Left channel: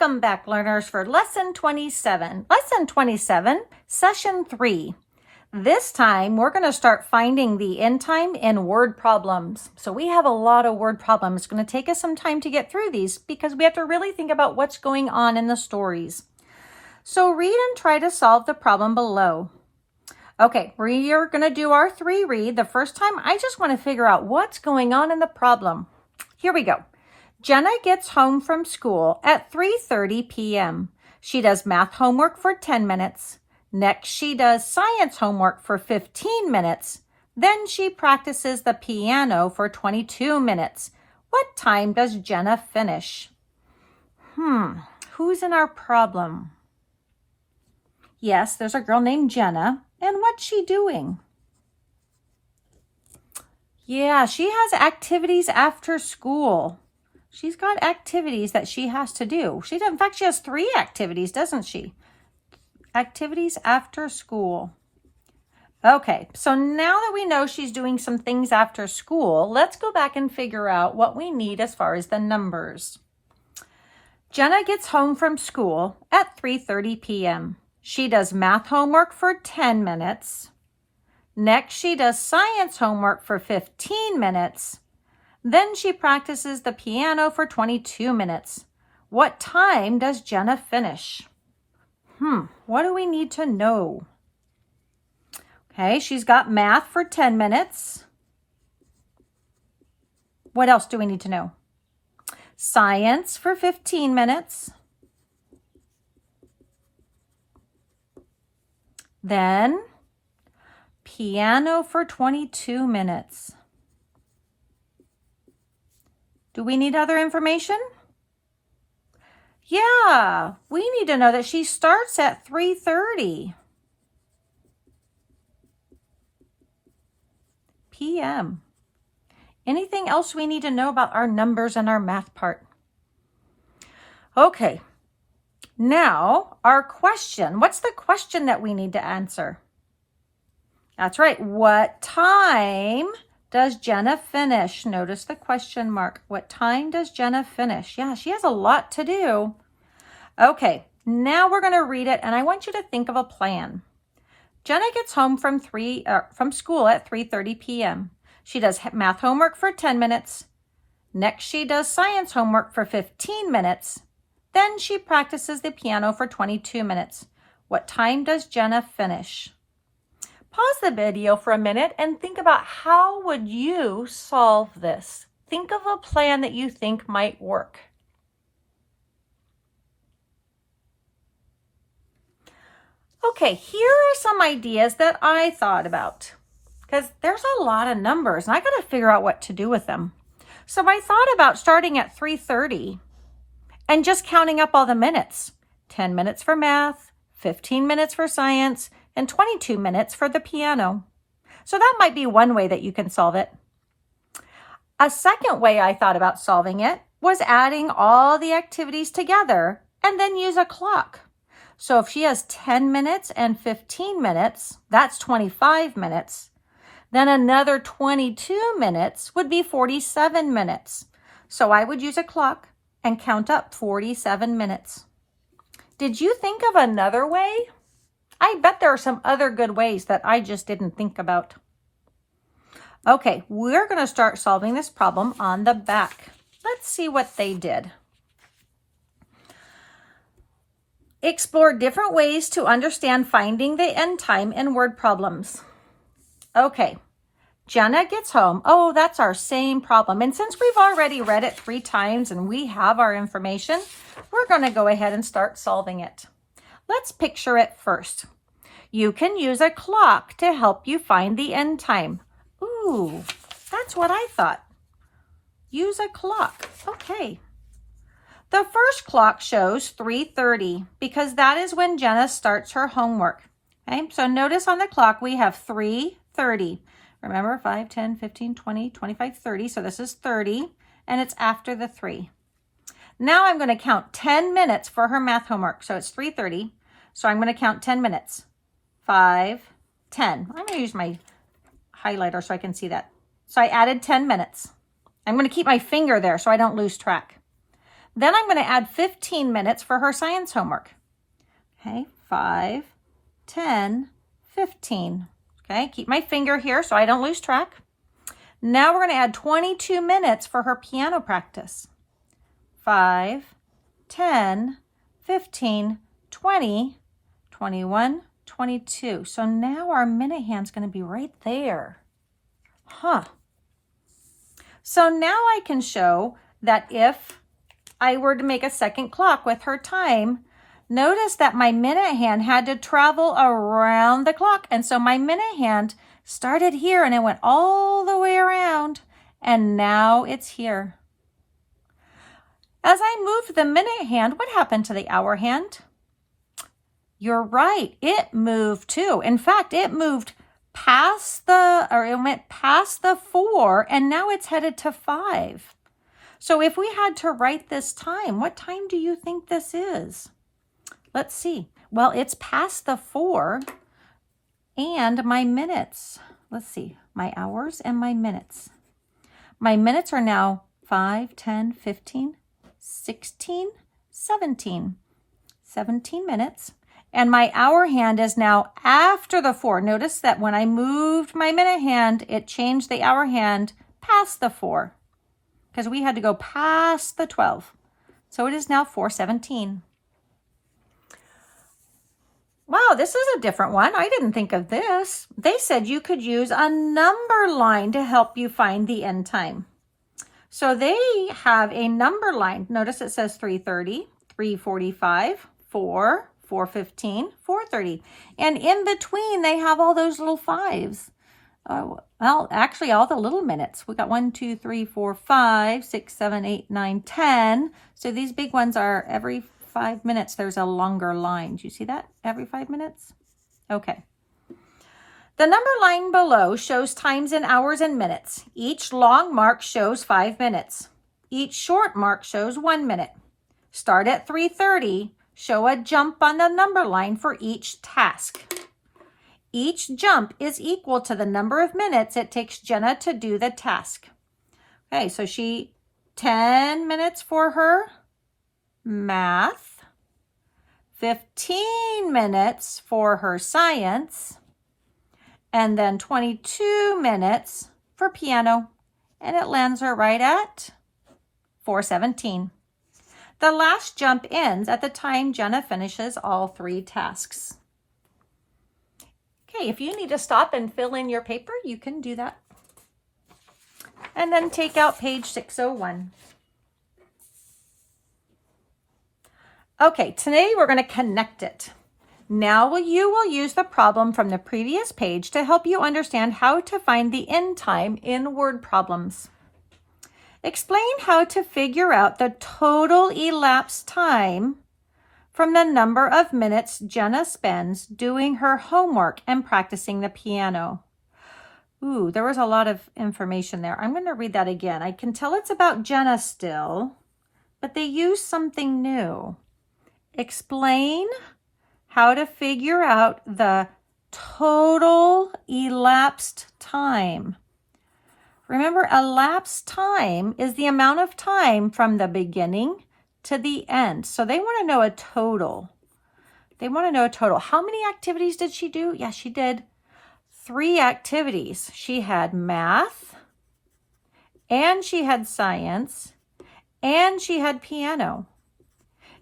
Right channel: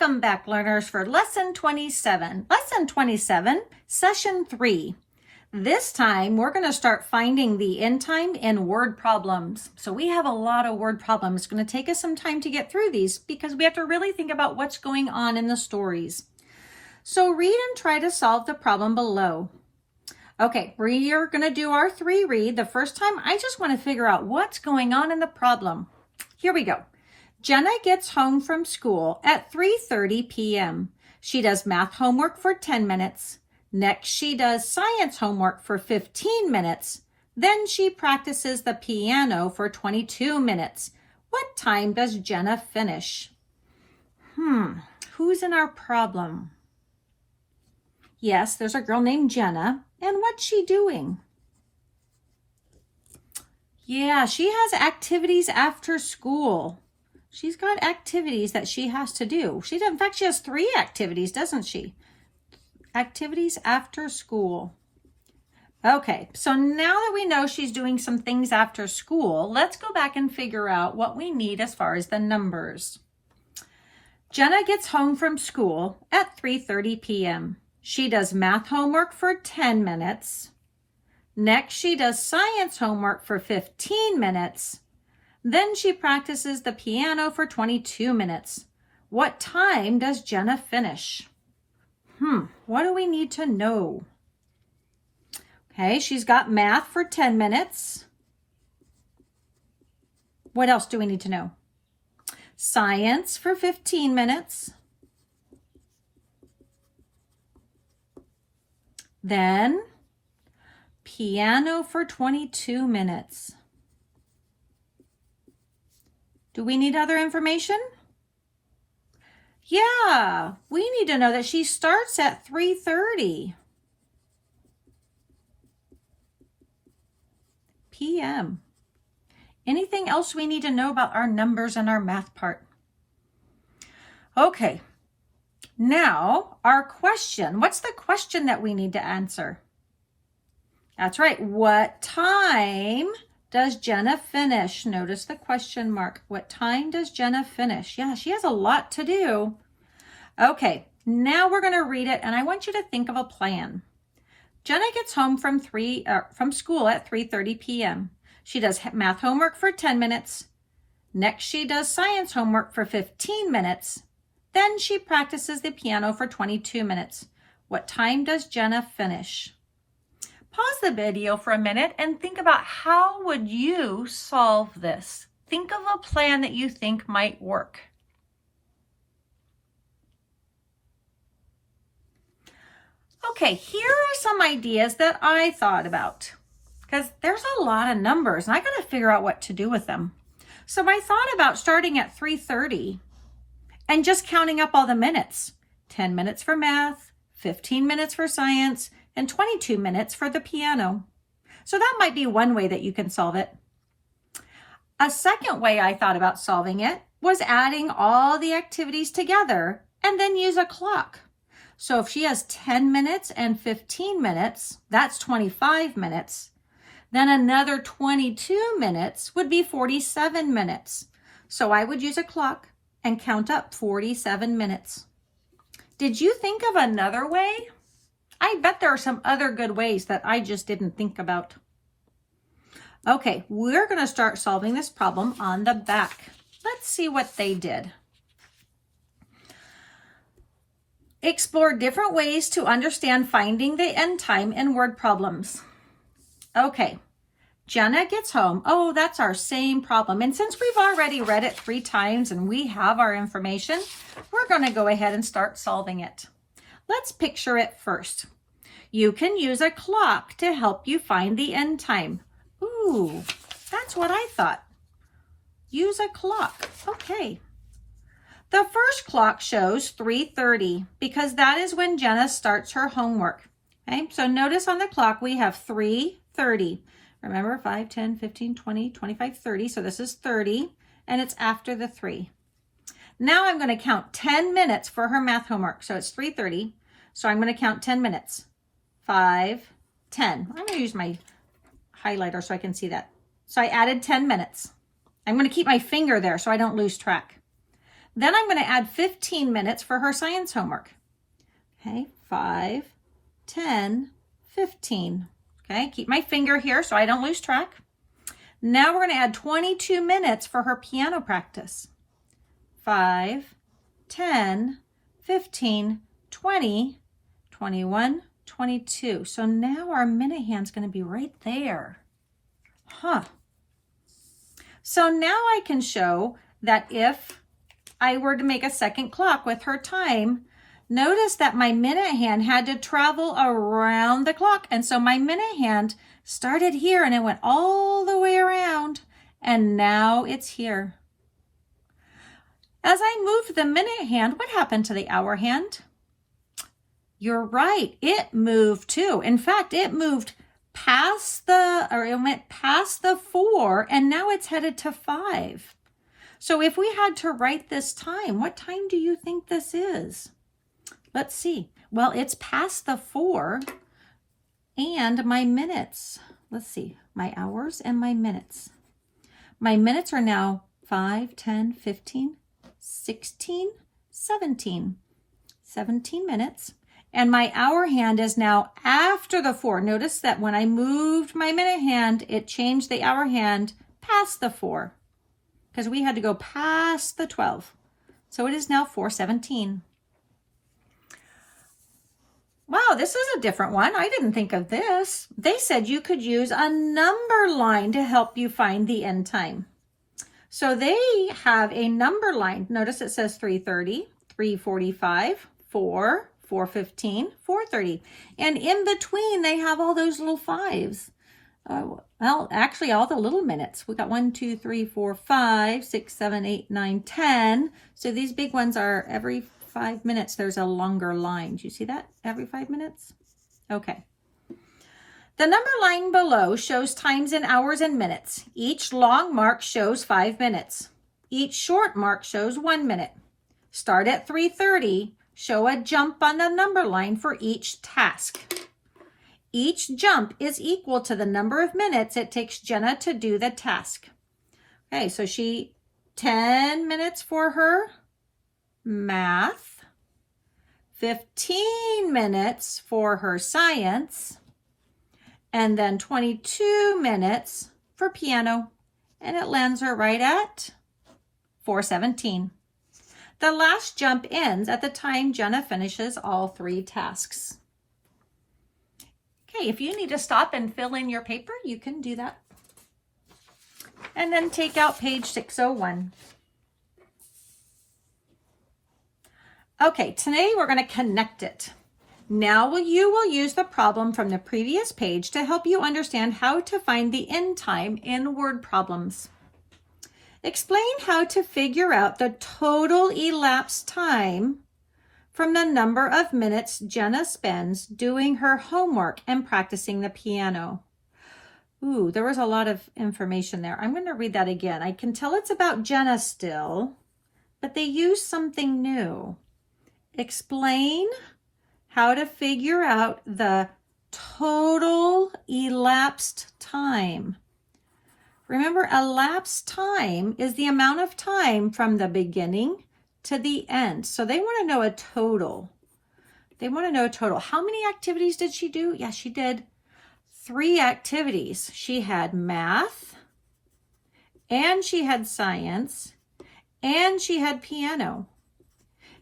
Welcome back, learners, for Lesson 27. Lesson 27, Session 3. This time, we're going to start finding the end time in word problems. So we have a lot of word problems. It's going to take us some time to get through these because we have to really think about what's going on in the stories. So read and try to solve the problem below. Okay, we are going to do our 3 read. The first time, I just want to figure out what's going on in the problem. Here we go. Jenna gets home from school at 3:30 p.m. She does math homework for 10 minutes. Next, she does science homework for 15 minutes. Then she practices the piano for 22 minutes. What time does Jenna finish? Who's in our problem? Yes, there's a girl named Jenna. And what's she doing? Yeah, she has activities after school. She's got activities that she has to do. In fact, she has 3 activities, doesn't she? Activities after school. Okay, so now that we know she's doing some things after school, let's go back and figure out what we need as far as the numbers. Jenna gets home from school at 3:30 p.m. She does math homework for 10 minutes. Next, she does science homework for 15 minutes. Then she practices the piano for 22 minutes. What time does Jenna finish? What do we need to know? Okay, she's got math for 10 minutes. What else do we need to know? Science for 15 minutes. Then piano for 22 minutes. Do we need other information? Yeah, we need to know that she starts at 3:30 p.m. Anything else we need to know about our numbers and our math part? Okay, now our question. What's the question that we need to answer? That's right. What time does Jenna finish? Notice the question mark. What time does Jenna finish? Yeah, she has a lot to do. Okay, now we're going to read it, and I want you to think of a plan. Jenna gets home from school at 3:30 p.m. She does math homework for 10 minutes. Next, she does science homework for 15 minutes. Then she practices the piano for 22 minutes. What time does Jenna finish? Pause the video for a minute and think about how would you solve this. Think of a plan that you think might work. Okay, here are some ideas that I thought about because there's a lot of numbers and I got to figure out what to do with them. So I thought about starting at 3:30 and just counting up all the minutes. 10 minutes for math, 15 minutes for science, and 22 minutes for the piano. So that might be one way that you can solve it. A second way I thought about solving it was adding all the activities together and then use a clock. So if she has 10 minutes and 15 minutes, that's 25 minutes. Then another 22 minutes would be 47 minutes. So I would use a clock and count up 47 minutes. Did you think of another way? I bet there are some other good ways that I just didn't think about. Okay, we're going to start solving this problem on the back. Let's see what they did. Explore different ways to understand finding the end time in word problems. Okay, Jenna gets home. Oh, that's our same problem. And since we've already read it 3 times and we have our information, we're going to go ahead and start solving it. Let's picture it first. You can use a clock to help you find the end time. Ooh, that's what I thought. Use a clock. Okay. The first clock shows 3:30 because that is when Jenna starts her homework. Okay, so notice on the clock we have 3:30. Remember 5, 10, 15, 20, 25, 30. So this is 30 and it's after the 3. Now I'm going to count 10 minutes for her math homework. So it's 3:30. So I'm going to count 10 minutes. 5, 10. I'm going to use my highlighter so I can see that. So I added 10 minutes. I'm going to keep my finger there so I don't lose track. Then I'm going to add 15 minutes for her science homework. Okay, 5, 10, 15. Okay, keep my finger here so I don't lose track. Now we're going to add 22 minutes for her piano practice. 5, 10, 15, 20, 21, 22. So now our minute hand's going to be right there. So now I can show that if I were to make a second clock with her time, notice that my minute hand had to travel around the clock. And so my minute hand started here and it went all the way around. And now it's here. As I moved the minute hand, what happened to the hour hand? You're right, it moved too. In fact, it moved it went past the 4 and now it's headed to 5. So if we had to write this time, what time do you think this is? Let's see. Well, it's past the 4 and my minutes. Let's see, my hours and my minutes. My minutes are now 5, 10, 15, 16, 17. 17 minutes. And my hour hand is now after the 4. Notice that when I moved my minute hand, it changed the hour hand past the 4 because we had to go past the 12. So it is now 4:17. Wow, this is a different one. I didn't think of this. They said you could use a number line to help you find the end time. So they have a number line. Notice it says 3:30, 3:45, 4, 4:15, 4:30. And in between, they have all those little 5s. Well, actually, all the little minutes. We got 1, 2, 3, 4, 5, 6, 7, 8, 9, 10. So these big ones are every 5 minutes, there's a longer line. Do you see that? Every 5 minutes? Okay. The number line below shows times in hours and minutes. Each long mark shows 5 minutes. Each short mark shows 1 minute. Start at 3:30. Show a jump on the number line for each task. Each jump is equal to the number of minutes it takes Jenna to do the task. Okay, so 10 minutes for her math, 15 minutes for her science, and then 22 minutes for piano. And it lands her right at 4:17. The last jump ends at the time Jenna finishes all 3 tasks. Okay, if you need to stop and fill in your paper, you can do that. And then take out page 601. Okay, today we're going to connect it. Now you will use the problem from the previous page to help you understand how to find the end time in word problems. Explain how to figure out the total elapsed time from the number of minutes Jenna spends doing her homework and practicing the piano. Ooh, there was a lot of information there. I'm going to read that again. I can tell it's about Jenna still, but they used something new. Explain how to figure out the total elapsed time. Remember, elapsed time is the amount of time from the beginning to the end. So they want to know a total. They want to know a total. How many activities did she do? Yeah, she did 3 activities. She had math, and she had science, and she had piano.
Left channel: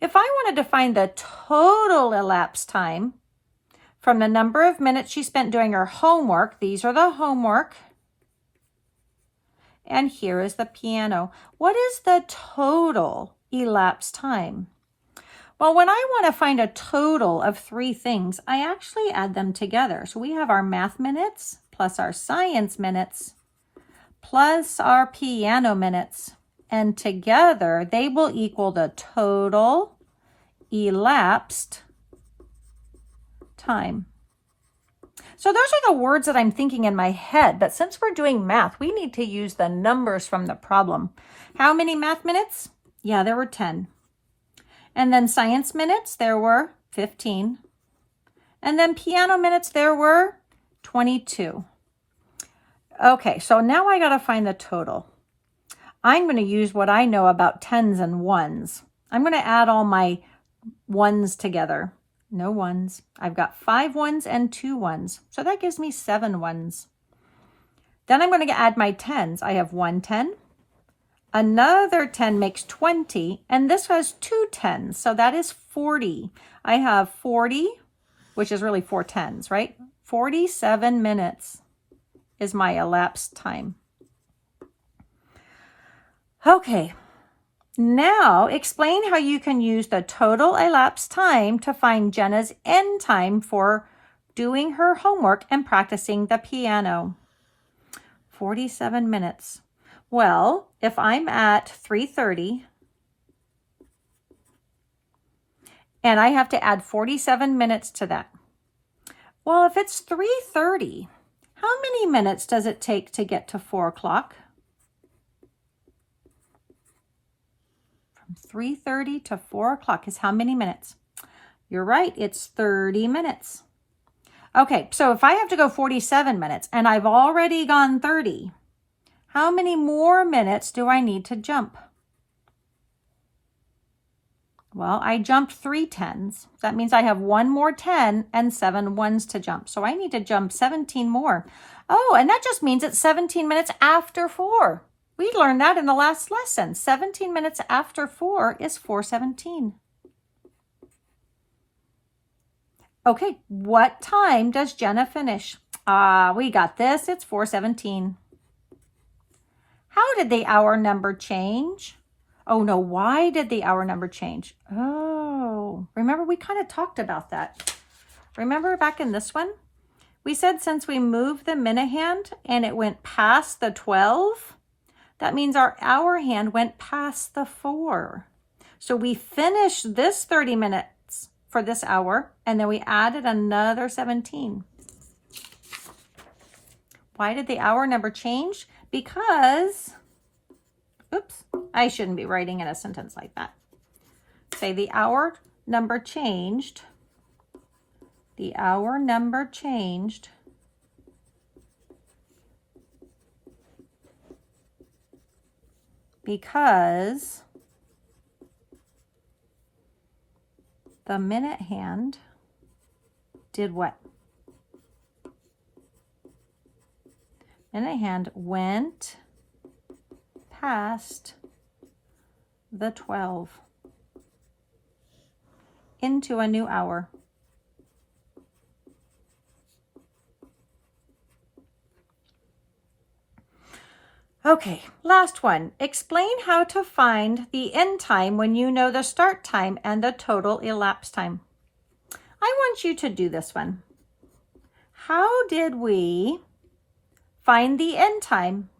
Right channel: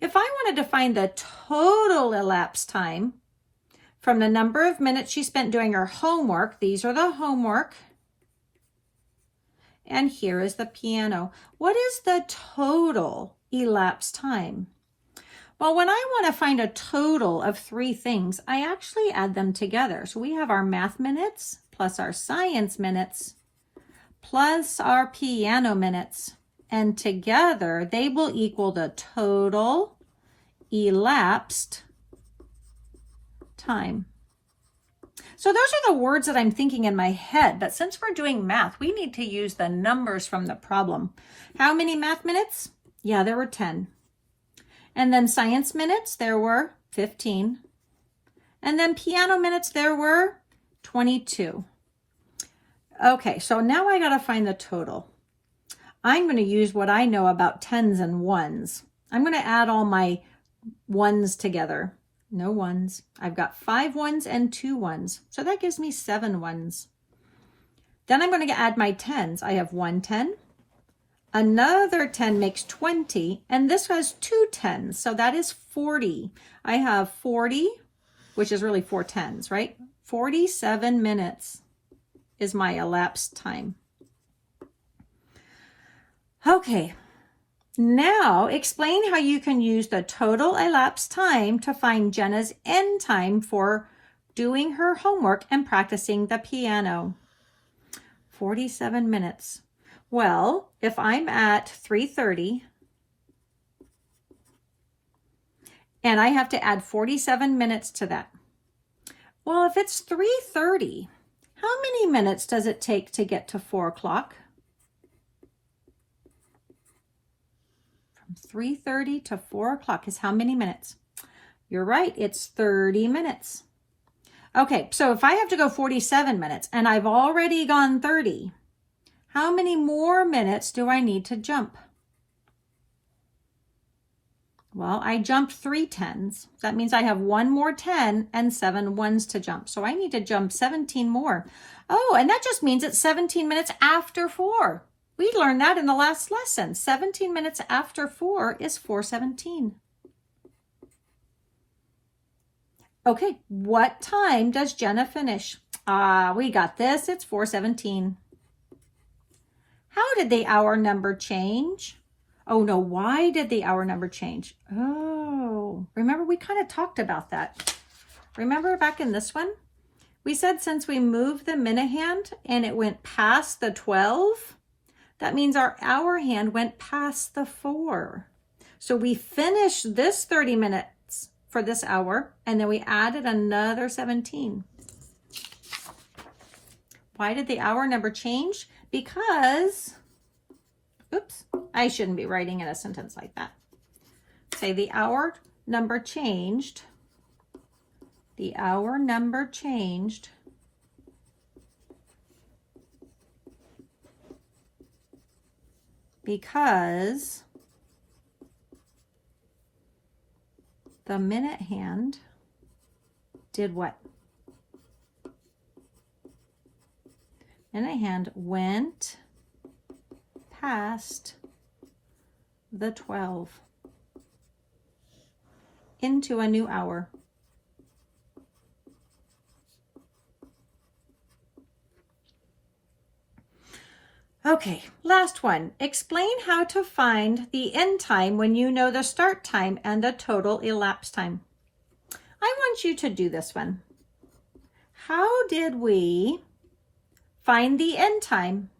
If I wanted to find the total elapsed time from the number of minutes she spent doing her homework, these are the homework, and here is the piano. What is the total elapsed time? Well, when I want to find a total of 3 things, I actually add them together. So we have our math minutes plus our science minutes plus our piano minutes. And together they will equal the total elapsed time. So those are the words that I'm thinking in my head, but since we're doing math, we need to use the numbers from the problem. How many math minutes? Yeah, there were 10. And then science minutes, there were 15. And then piano minutes, there were 22. Okay, so now I gotta find the total. I'm going to use what I know about tens and ones. I'm going to add all my ones together. No ones. I've got 5 ones and 2 ones. So that gives me 7 ones. Then I'm going to add my tens. I have 1 10. Another 10 makes 20. And this has 2 10s. So that is 40. I have 40, which is really 4 10s, right? 47 minutes is my elapsed time. Okay. Now, explain how you can use the total elapsed time to find Jenna's end time for doing her homework and practicing the piano. 47 minutes. Well, if I'm at 3:30 and I have to add 47 minutes to that. Well, if it's 3:30, how many minutes does it take to get to 4 o'clock? 3:30 to 4 o'clock is how many minutes? You're right, it's 30 minutes. Okay, so if I have to go 47 minutes and I've already gone 30, how many more minutes do I need to jump? Well, I jumped 3 10s. That means I have 1 more 10 and 7 ones to jump. So I need to jump 17 more. Oh, and that just means it's 17 minutes after 4. We learned that in the last lesson. 17 minutes after 4 is 4:17. Okay, what time does Jenna finish? We got this. It's 4:17. How did the hour number change? Oh no, why did the hour number change? Oh, remember we kind of talked about that. Remember back in this one? We said since we moved the minute hand and it went past the 12, that means our hour hand went past the 4. So we finished this 30 minutes for this hour, and then we added another 17. Why did the hour number change? Because, oops, I shouldn't be writing in a sentence like that. Say the hour number changed. The hour number changed because the minute hand did what? Minute hand went past the 12 into a new hour. Okay, last one. Explain how to find the end time when you know the start time and the total elapsed time. I want you to do this one. How did we find the end time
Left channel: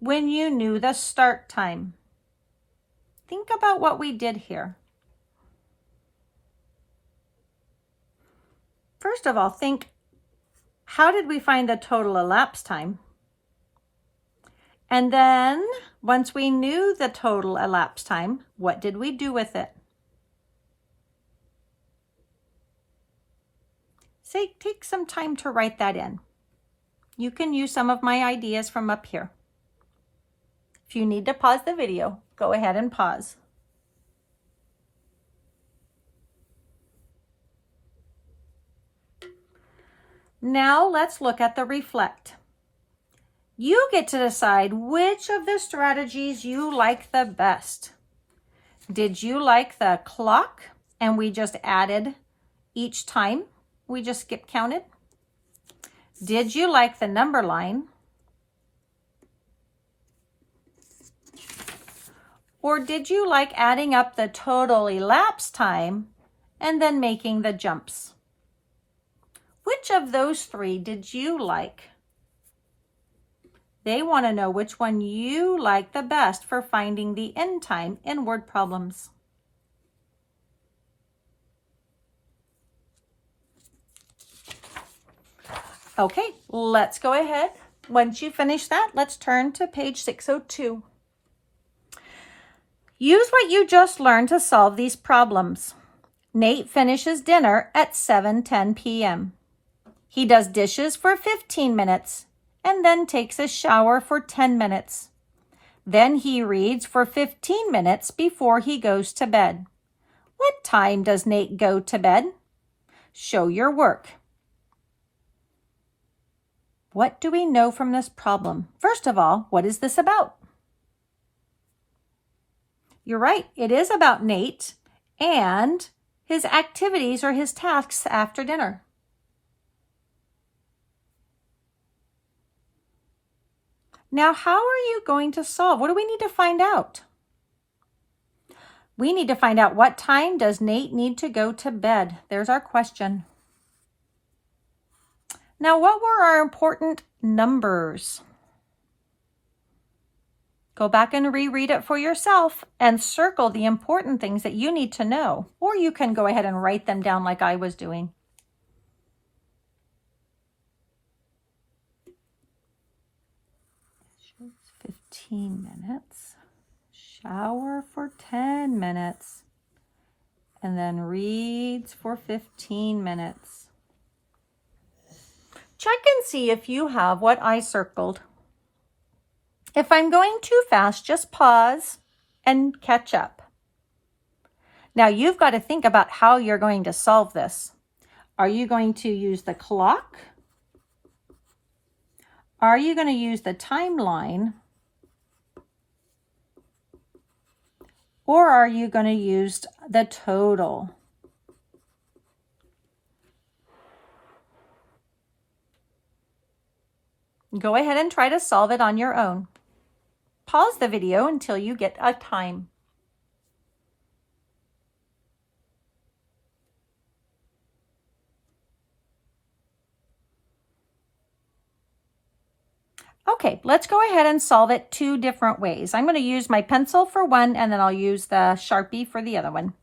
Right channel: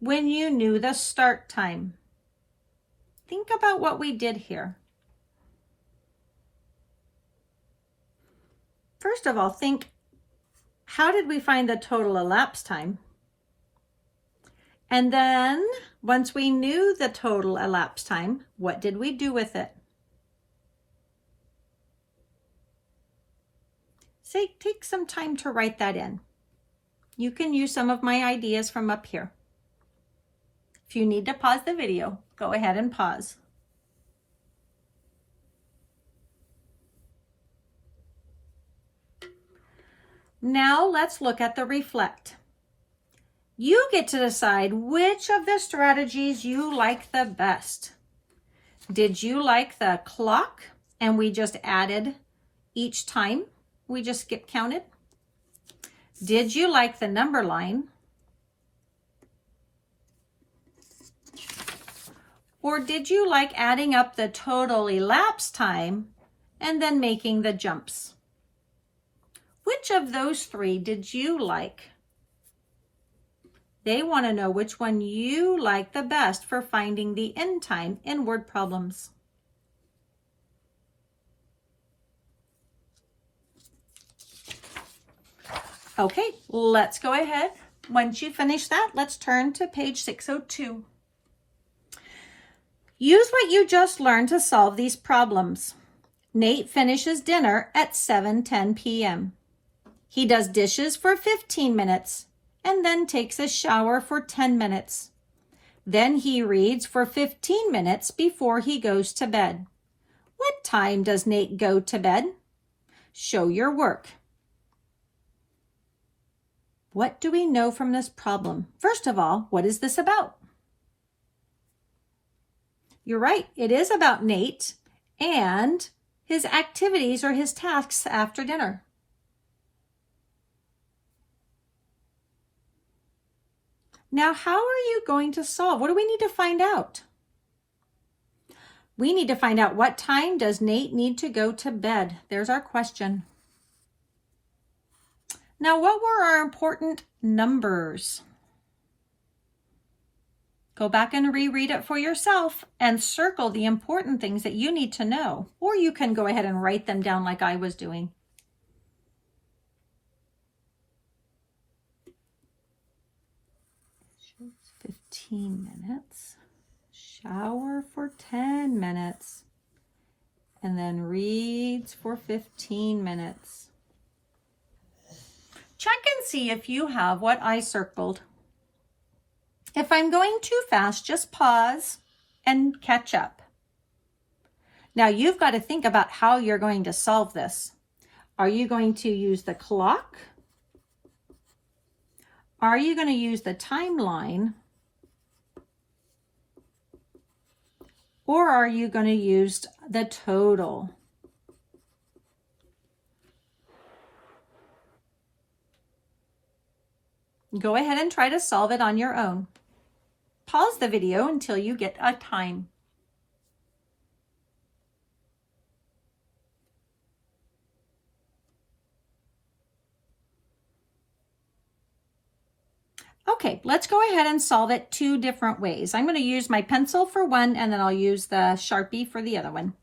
when you knew the start time? Think about what we did here. First of all, think, how did we find the total elapsed time? And then, once we knew the total elapsed time, what did we do with it? Say, take some time to write that in. You can use some of my ideas from up here. If you need to pause the video, go ahead and pause. Now let's look at the reflect. You get to decide which of the strategies you like the best. Did you like the clock and we just added each time? We just skip counted. Did you like the number line? Or did you like adding up the total elapsed time and then making the jumps? Which of those 3 did you like? They want to know which one you like the best for finding the end time in word problems. Okay, let's go ahead. Once you finish that, let's turn to page 602. Use what you just learned to solve these problems. Nate finishes dinner at 7:10 p.m. He does dishes for 15 minutes and then takes a shower for 10 minutes. Then he reads for 15 minutes before he goes to bed. What time does Nate go to bed? Show your work. What do we know from this problem? First of all, what is this about? You're right, it is about Nate and his activities or his tasks after dinner. Now, how are you going to solve? What do we need to find out? We need to find out what time does Nate need to go to bed. There's our question. Now, what were our important numbers? Go back and reread it for yourself and circle the important things that you need to know. Or you can go ahead and write them down like I was doing. Minutes, shower for 10 minutes, and then reads for 15 minutes. Check and see if you have what I circled. If I'm going too fast, just pause and catch up. Now you've got to think about how you're going to solve this. Are you going to use the clock? Are you going to use the timeline? Or are you going to use the total? Go ahead and try to solve it on your own. Pause the video until you get a time. Okay, let's go ahead and solve it two different ways. I'm going to use my pencil for one, and then I'll use the Sharpie for the other one.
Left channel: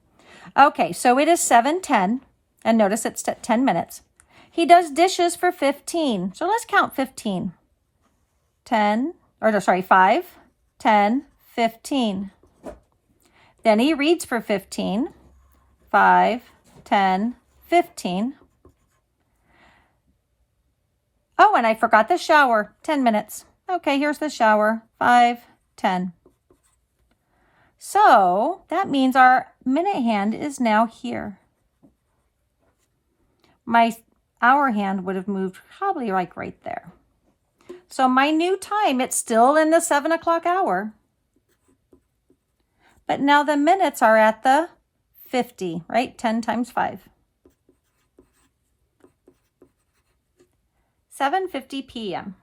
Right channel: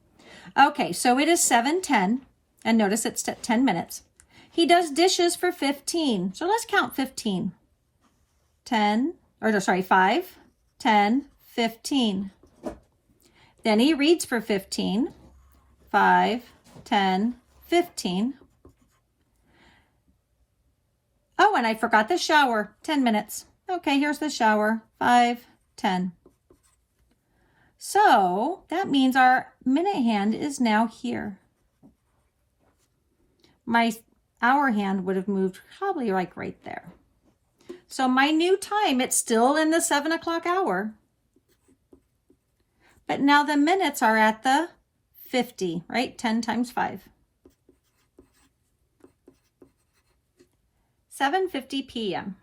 Okay, so it is 7:10, and notice it's 10 minutes. He does dishes for 15, so let's count 15. 5, 10, 15. Then he reads for 15, 5, 10, 15. Oh, and I forgot the shower, 10 minutes. Okay, here's the shower, 5, 10. So that means our minute hand is now here. My hour hand would have moved probably like right there. So my new time, it's still in the 7 o'clock hour. But now the minutes are at the 50, right? 10 times 5. 7:50 p.m.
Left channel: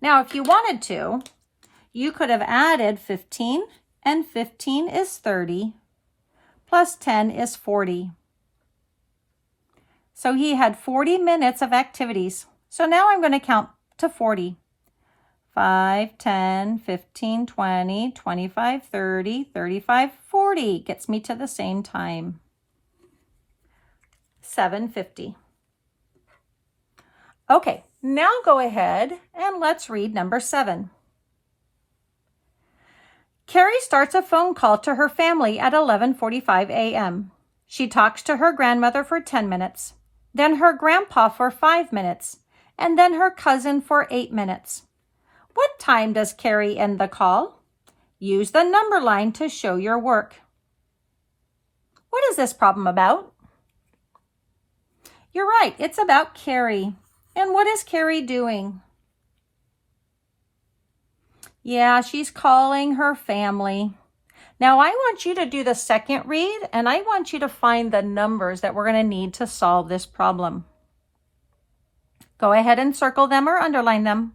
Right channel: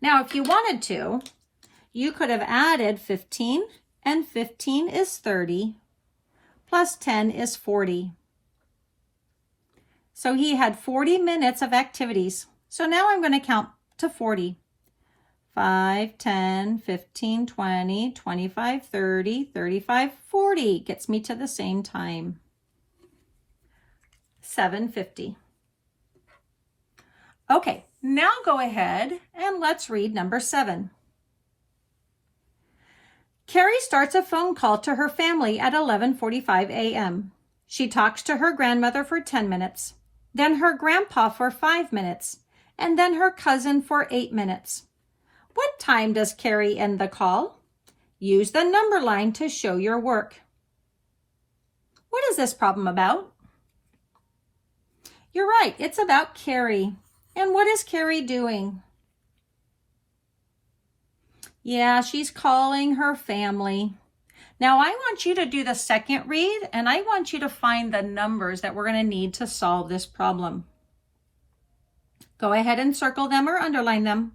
Now, if you wanted to, you could have added 15, and 15 is 30, plus 10 is 40. So he had 40 minutes of activities. So now I'm going to count to 40. 5, 10, 15, 20, 25, 30, 35, 40 gets me to the same time. 7:50. Okay, now go ahead and let's read number 7. Carrie starts a phone call to her family at 11:45 a.m. She talks to her grandmother for 10 minutes, then her grandpa for 5 minutes, and then her cousin for 8 minutes. What time does Carrie end the call? Use the number line to show your work. What is this problem about? You're right, it's about Carrie. And what is Carrie doing? Yeah, she's calling her family. Now I want you to do the second read, and I want you to find the numbers that we're going to need to solve this problem. Go ahead and circle them or underline them.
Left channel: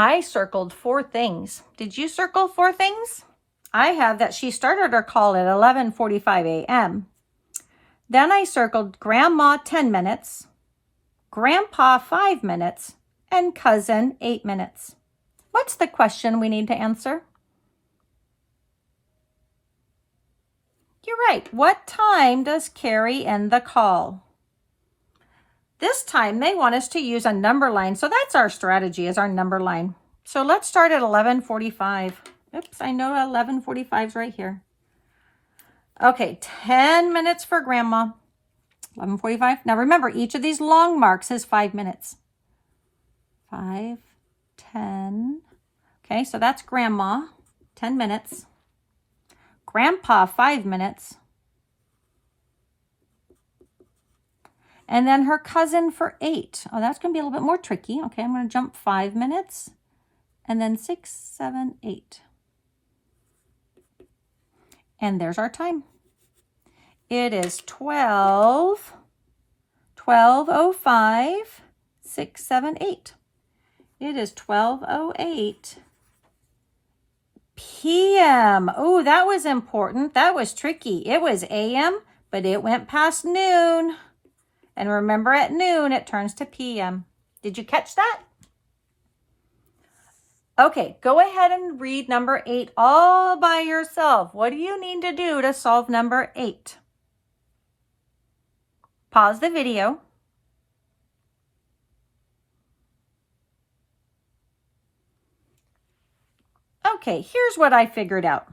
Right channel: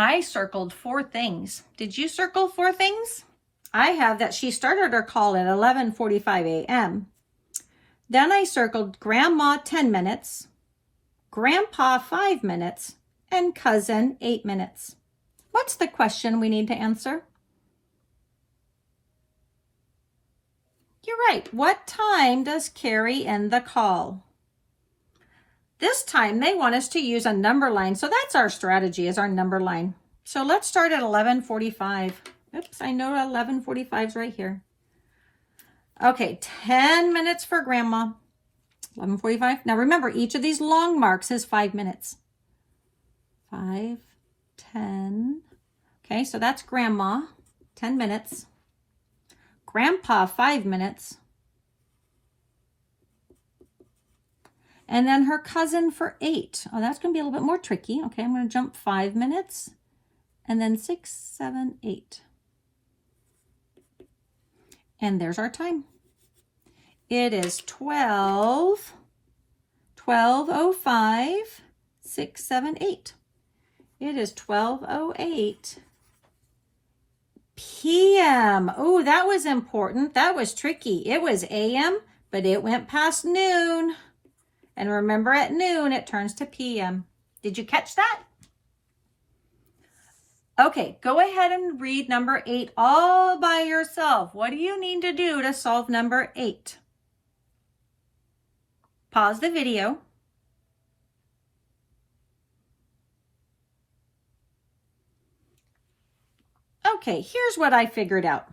I circled 4 things. Did you circle 4 things? I have that she started her call at 11:45 a.m. Then I circled grandma 10 minutes, grandpa 5 minutes, and cousin 8 minutes. What's the question we need to answer? You're right. What time does Carrie end the call? This time they want us to use a number line. So that's our strategy, is our number line. So let's start at 11:45. Oops, I know 11:45 is right here. Okay, 10 minutes for Grandma. 11:45. Now remember, each of these long marks is 5 minutes. 5, 10. Okay, so that's Grandma, 10 minutes. Grandpa, 5 minutes. And then her cousin for 8. Oh, that's going to be a little bit more tricky. Okay, I'm going to jump 5 minutes. And then 6, 7, 8. And there's our time. It is 12:05, 6, 7, 8. It is 12:08 p.m. Oh, that was important. That was tricky. It was a.m., but it went past noon. And remember, at noon, it turns to p.m. Did you catch that? Okay, go ahead and read number 8 all by yourself. What do you need to do to solve number 8? Pause the video. Okay, here's what I figured out.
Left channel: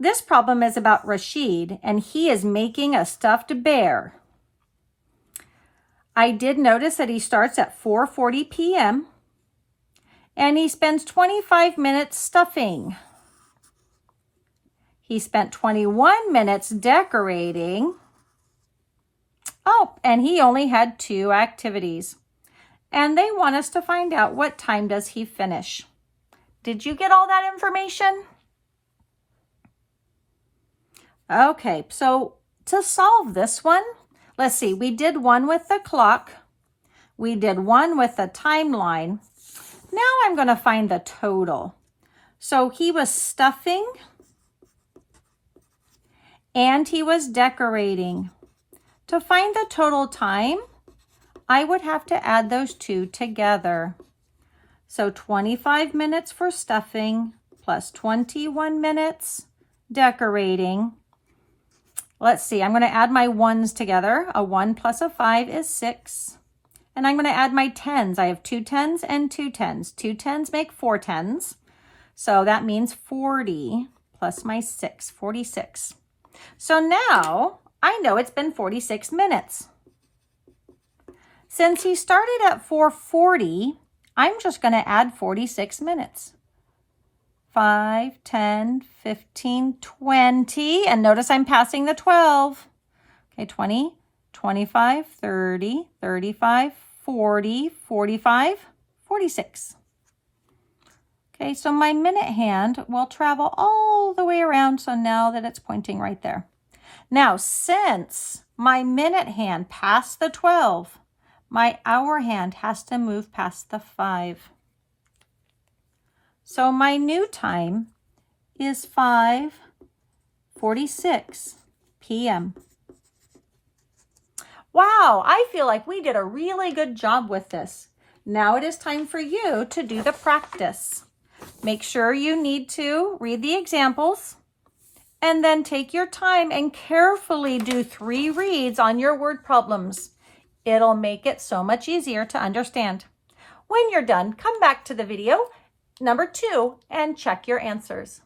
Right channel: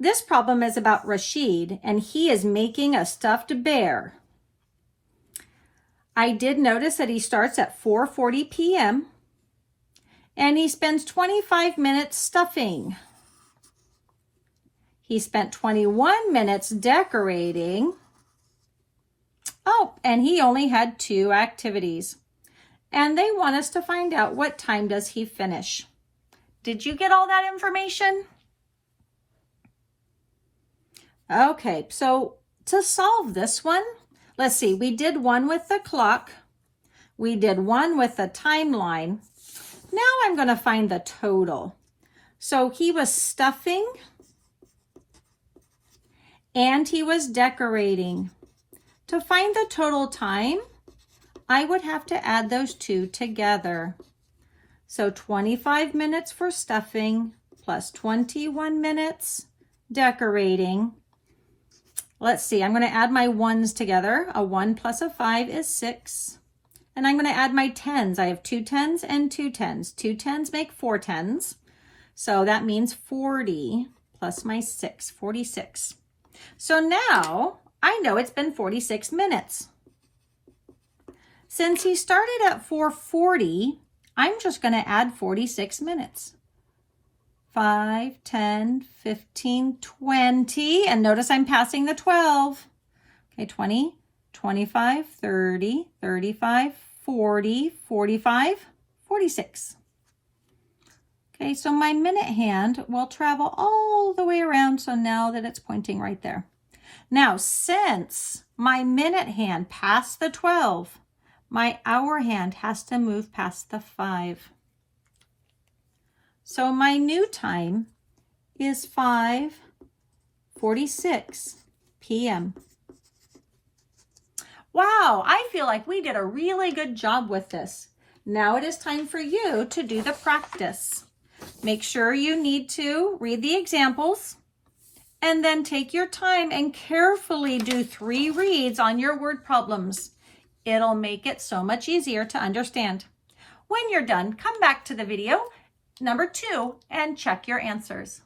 This problem is about Rashid, and he is making a stuffed bear. I did notice that he starts at 4:40 p.m. and he spends 25 minutes stuffing. He spent 21 minutes decorating. Oh, and he only had 2 activities. And they want us to find out what time does he finish. Did you get all that information? Okay, so to solve this one, let's see, we did one with the clock. We did one with the timeline. Now I'm going to find the total. So he was stuffing and he was decorating. To find the total time, I would have to add those 2 together. So 25 minutes for stuffing plus 21 minutes decorating. Let's see, I'm going to add my 1s together. A 1 plus a 5 is 6. And I'm going to add my 10s. I have 2 10s and 2 10s. 2 10s make 4 10s. So that means 40 plus my 6, 46. So now I know it's been 46 minutes. Since he started at 4:40, I'm just going to add 46 minutes. 5, 10, 15, 20. And notice I'm passing the 12. Okay, 20, 25, 30, 35, 40, 45, 46. Okay, so my minute hand will travel all the way around. So now that it's pointing right there. Now, since my minute hand passed the 12, my hour hand has to move past the 5. So my new time is 5:46 p.m. Wow, I feel like we did a really good job with this. Now it is time for you to do the practice. Make sure you need to read the examples and then take your time and carefully do 3 reads on your word problems. It'll make it so much easier to understand. When you're done, come back to the video number 2 and check your answers.